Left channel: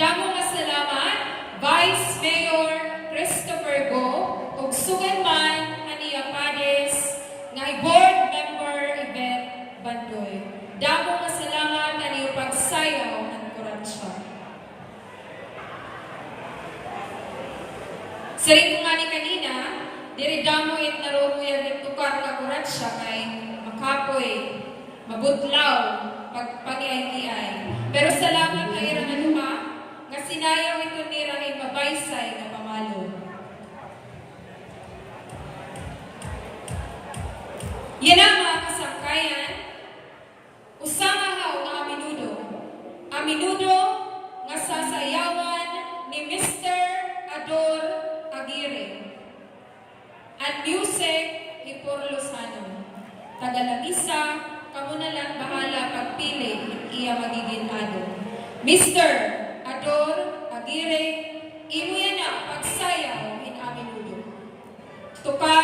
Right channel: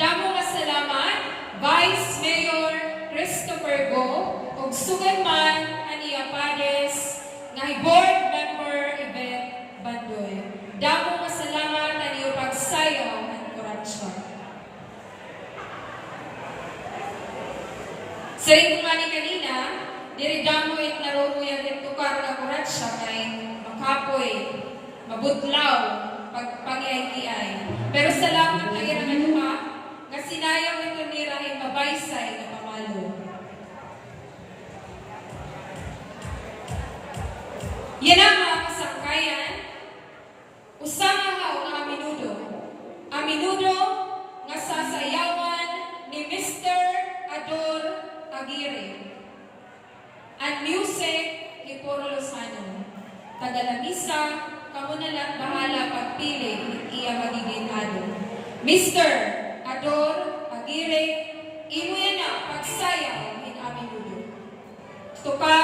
Damo nga salamat, Vice Mayor Christopher Go, ug sugan man aniya Pades, nga Board Member Yvette Bandoy. Damo nga salamat aniya pagsayaw ang kuratsya. Sa ito nga ni kanina, diri damo it naromuyan ng tukar ka kuratsya kay makapoy, mabudlaw, pagpangiay-iay. Pero salamat na ira nga nga sinayaw ito ni Rahim Mabaysay na pamalo. Yan ang mga kasangkayan, usama haw nga aminudo. Aminudo nga sasayawan ni Mr. Ador Aguirre. At music, Ipor Lozano. Tagalangisa, kamo na lang bahala pagpili, iya magiging ado. Mr. Ador Aguirre, imo yan na pagsayaw in aminudo. Tuka